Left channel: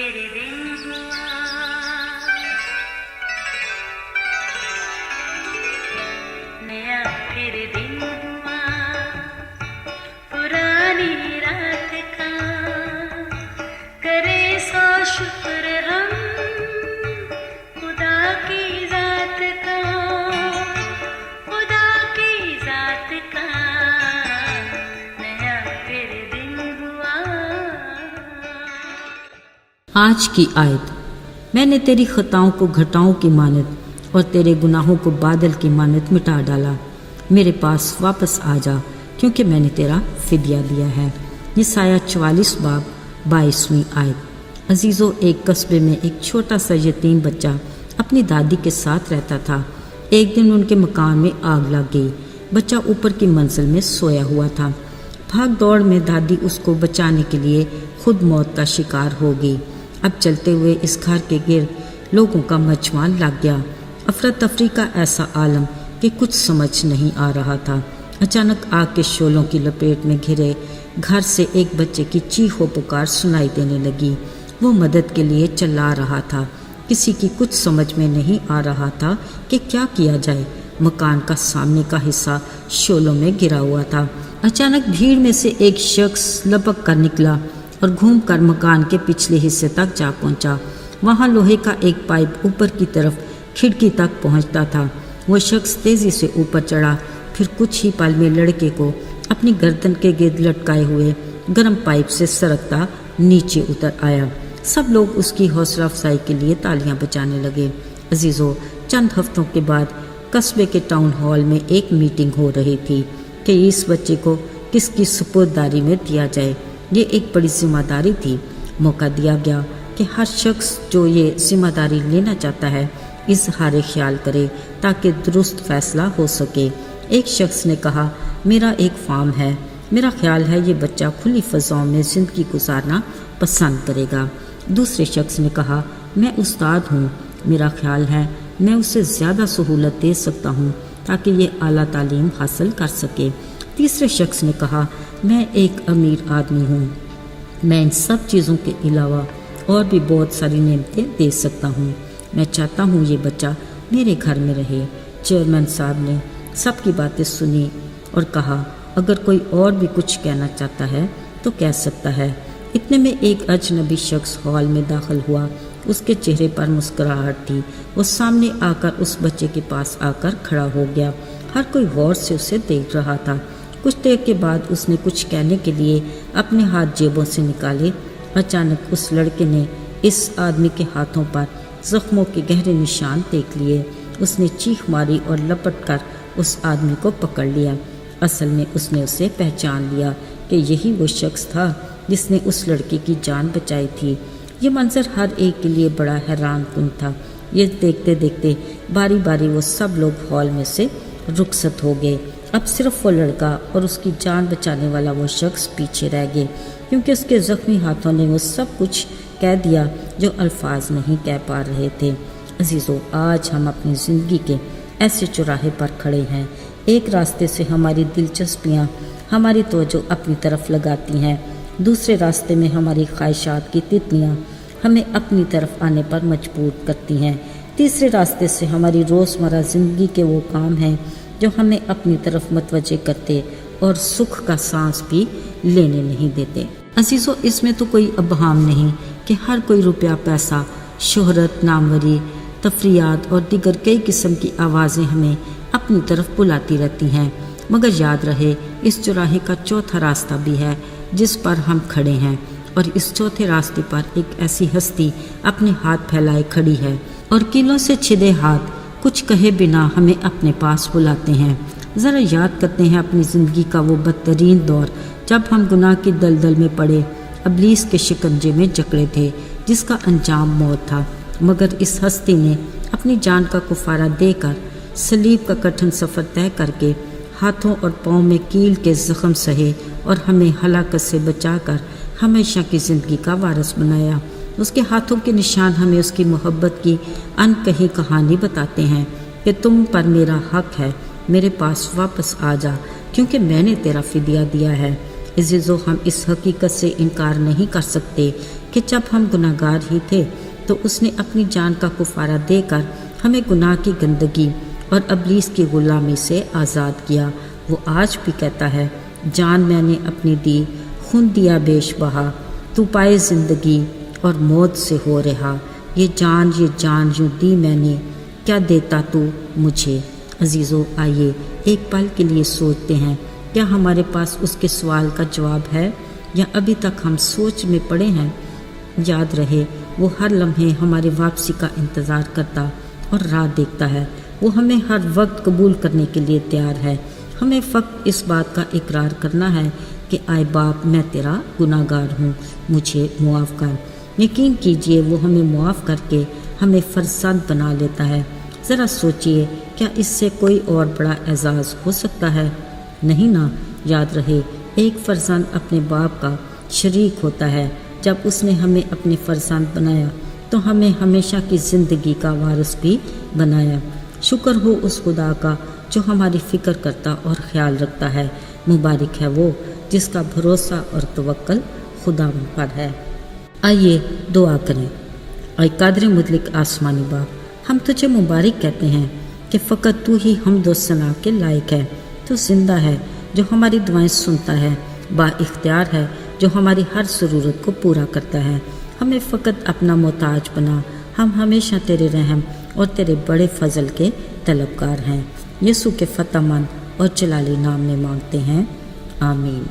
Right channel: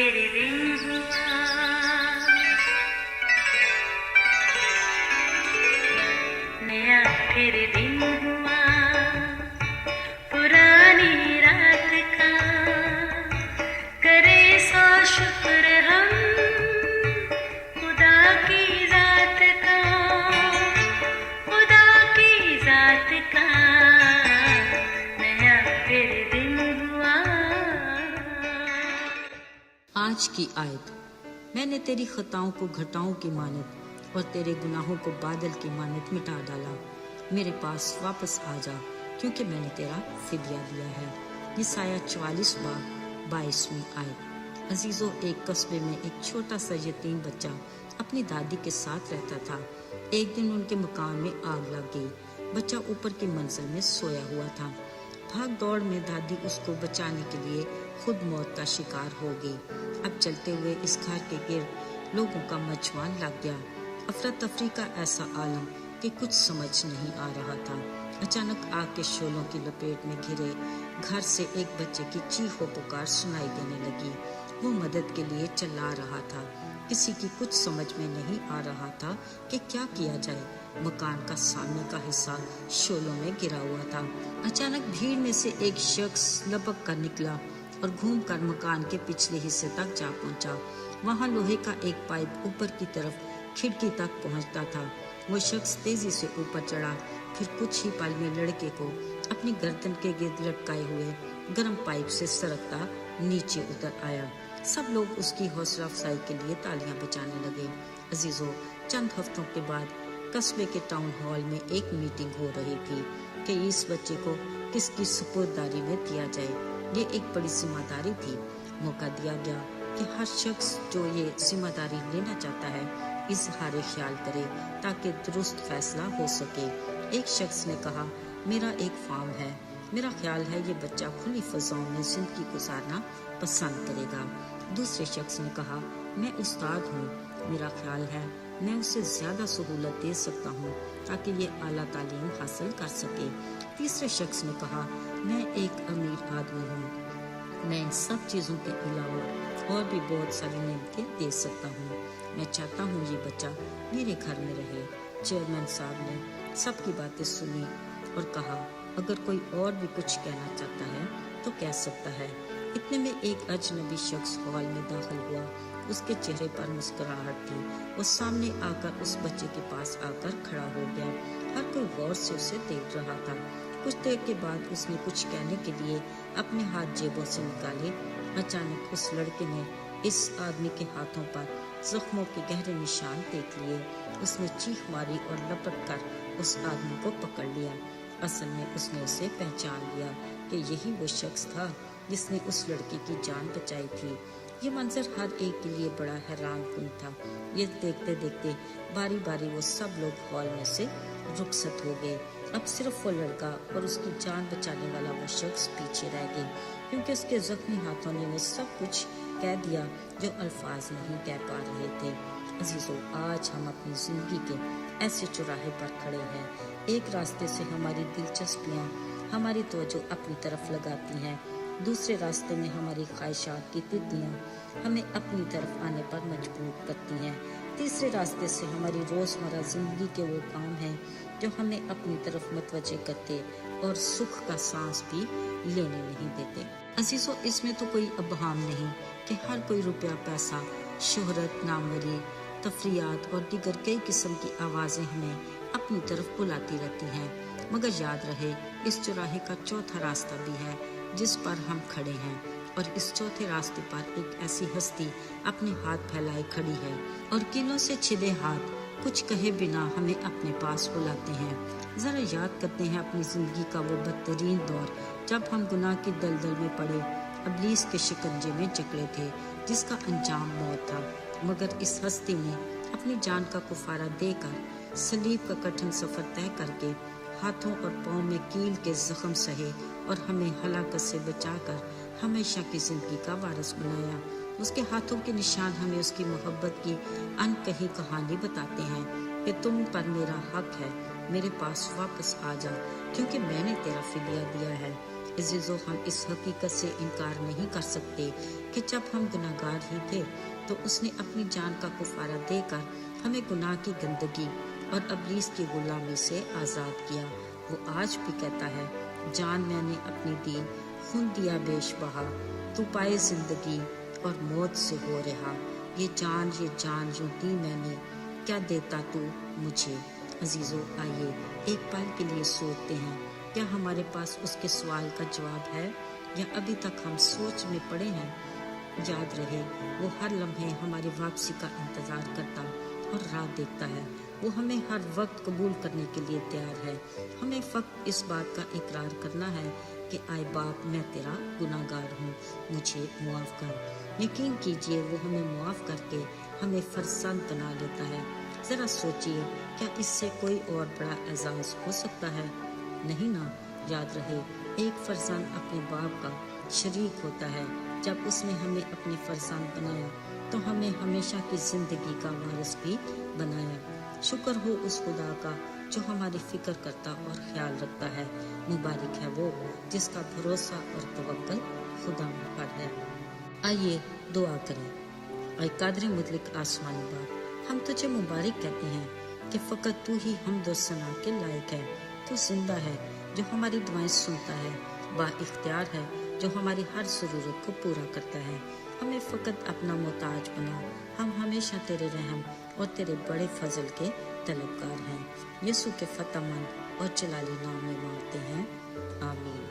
फिर दिन हुआ, नया फिर दिन हुआ, पुरानी रात का करे सो शुक्र हम खुदा की जात का, खुदा की जात का, नया फिर दिन हुआ। आज की आयत, मैंने तेरी खताओं को घटाओं की मानद और तेरे गुनाहों को बादल की मानद मिटा डाला। मेरे पास वापस आ जा, क्योंकि मैंने तेरा फिदिया दिया है। यसाया 44 बाब 22वीं आयत। अजीज़ों, एक कस्बे में एक छोटा सा यतीम बच्चा अपनी दादी के साथ रहता था। एक दिन उनके मकान में आग लग गई। बच्चा ऊपर की मंजिल में सोया हुआ था। भाग दौड़ में दादी उसको बचाने के लिए खुद मौत का शिकार हो गई। अब चलते हुए इस घर के गिर्द लोगों का मजमा लग गया। अफरा तफरी का ऐसा आलम कि कुछ समझ नहीं आ रहा था। अचानक आग के शोलों की लपेट में घिरे घर से एक बच्चे की चीखो पुकार सुनाई देने लगी। वो मदद के लिए चिल्ला रहा था। किसी की कुछ समझ में नहीं आ रहा था कि क्या किया जाए। मकान का सामने का हिस्सा शोलों में गिरा हुआ था। अचानक भीड़ में से एक शख्स लपक कर निकला और घूमकर मकान के पिछले हिस्से तक जा पहुंचा। वहां लोहे का एक पाइप ऊपर की तरफ खिड़की तक पहुंचता था। वो शख्स तेजी से ऊपर चढ़ा, फिर कुछ ही पल में लड़के को अपनी गर्दन के गिर्द लटकाए हुए गर्म पाइप से सरकता नीचे उतर आया। सब लोग उसकी हौसला अफजाई के लिए तालियां बजाने लगे। अजीजों, चंद हफ्तों के बाद कस्बे के टाउन हॉल में एक मीटिंग हो रही थी कि इस बच्चे को किसकी सुपुर्ददारी में दिया जाए। ये एक बड़ी जिम्मेदारी थी। मौका दिया गया कि हर शख्स जो ये जिम्मेदारी लेना चाहता है इजहार ख्याल करे ताकि दुरुस्त फैसला हो सके। एक शख्स ने कहा, मेरा एक फार्म है, मेरा ख्याल है ये बच्चा खुली फजाओं में ज़िंदगी गुजारना पसंद करेगा। दूसरे शख्स ने कहा, मैं उस्ताद हूँ, मेरा ख्याल है मैं उसे ज़्यादा सहूलत दे सकता हूँ ताकि ये आला तालीम हासिल कर सके। तीसरे शख्स ने कहा, मैं एक अमीर आदमी हूँ, मैं इन सब चीज़ों के अलावा और भी बहुत सारी नेमतें दे सकता हूँ। मैं चाहता हूँ ये बच्चा मेरे घर में रहे। चेयरमैन साहब ने सबकी बातें सुनी और कहा, अगर कोई और भी कुछ कहना चाहता है तो कह सकता है। इतने में एक अजनबी शख्स हॉल में दाखिल हुआ। उसके चेहरे पर मुस्कुराहट थी। वो सामने आकर उस बच्चे के पास आकर खड़ा हो गया। हर कोई गौर से उसे देख रहा था। कुछ देर के बाद उसने कुछ कहने के लिए अपने हाथ जेबों से निकाले। अचानक उस लड़के ने इस आदमी के हाथों पर जख्मों के गहरे निशान देख लिए। उसने चीख मारी और लपट कर उस आदमी को पकड़ लिया। असल में उसने उसे पहचान लिया कि यही वो शख्स था जिसने उस लड़के की जान बचाई थी। ये मंजर हर एक के लिए बड़ा हैरान कुन था। ये देखते देखते बारी बारी वो सब लोग हॉल में से रुखसत हो गए। अब सिर्फ वो लड़का और उसकी जान बचाने वाला वो शख्स पीछे रह गए, क्योंकि उसके जख्मी हाथों ने वो सब कुछ कह दिया जो अल्फाज नहीं कह पा रहे थे। अजीज़ों, आज हम अपनी ज़िंदगी के ऐसे चौराहे पर खड़े हैं। एक रास्ते से हमारी दिलचस्पियाँ हमारी तवज्जो अपनी तरफ लगाती हैं, दूसरे रास्ते में हमारी ख्वाहिशात की तितलियाँ हमें अपनी तरफ आने पर मजबूर करती हैं, तीसरे रास्ते से हमारी रोज़मर्रा ज़िंदगी के वो काम हैं जो हमें अपनी तरफ मतवज्जे करते और सुख का सांस भी लेने नहीं देते। अजीज़ों, इसमें तो कोई अबहाम नहीं कि हर कोई रुपया, पैसा, शोहरत, नामवरी, तफरियात और दीगर कई किस्म की आवाज़ें हमें अपनी तरफ बुलाती रहती हैं। मगर याद रहे, इस चौराहे का चौथा रास्ता भी है जिस पर हम खड़े हैं, और इस चौथे रास्ते पर एक ऐसी हस्ती अपने हाथ फैलाए खड़ी है और कीलों से छिदे हाथ कुछ कहे बिना हमें अपने पास बुलाते हैं। ज़रा याद करते हैं अपनी ज़िंदगी का वो बदतरीन दौर जब हम गुनाह की दलदल में पड़े, इब्लीस के शिकंजे में जकड़े थे, जिसका अंजाम मौत था। मगर इस हस्ती ने अपनी जान का कुफारा देकर सलीब का कठिन सफ़र तय करके हाथों और पाँव में कील के ज़ख्म सहे और हमें हलाकत से बचाकर हमेशा की ज़िंदगी का वारिस बनाया। उसके हाथों के निशान हमें उसकी मोहब्बत की अनकही कहानी बताते हैं कि तुम पर मेरा हक है, मेरे पास वापस आ जा, क्योंकि मैंने तेरा फिदिया दिया है। अज़ीज़ों, हम इस हकीकत से इनकार नहीं कर सकते कि जब हम गुनाहगार ही थे तो उसने अपनी जान का कुफारा देकर हमें गुनाह की गंदगी और इब्लीस की गुलामी से आज़ाद किया। वो आज भी कहता है, जान मैंने अपनी दी, खून दिया बेश बहा, तू पाए ज़िंदगी और मौत से हो रहा। ये जान यूँ दी मैंने, क्या देता तू मुझे। अज़ीज़ों, आइए एक पल के लिए सोचते हैं, क्या हमारे पास उसके सवाल का जवाब है या अभी तक हम सोच में पड़े हैं। याद रहे, वो हर लम्हे हमारी वापसी का इंतज़ार करता और राह देखता है। वो हमें हर वक्त कबूल करने के लिए तैयार है। हमें फ़क्त इस बात का इकरार करना है कि आए बाप, मैं तेरा गुनाहगार हूँ, मुझे मुआफ़ कर। यकीन कीजिए, वो हमें मुआफ़ करके हमें फ़र्जंद बना लेता है। ज़रा सोचिए, क्या इससे कोई और बड़ा एजाज़ हो सकता है? नहीं ना। याद रहे, एक फ़र्जंद अपने बाप का शरीक होता है। जब उसने हमें अपने फ़र्जंद बनाया तो हमें हमेशा की ज़िंदगी का वारिस भी बनाया। शुक्र हो उस खुदा का जो हमारी फ़िक्र करता और ख्याल रखता है। मुबारक है वो जिसका भरोसा और तवक्कुल खुदा पर है। आइए दुआ करें। ऐ कादिर मुतलक आसमानी बाप, हम तुझे मुबारक कहते हैं कि फ़कत तू ही हमद व सना के लायक है। तू ज़िंदा है जो हमारी दुआएं सुनता है, बाइख्तियार है जो हमारी हर ज़रूरत को पूरा करता है। हमें फ़कत अपना मोहताज बना। हम हमेशा तेरे रहम और तेरे बड़े फ़ज़ल के तलबगार हैं। यीशु के फ़तहमंद और जलाली नाम में मांगते हैं, आमीन।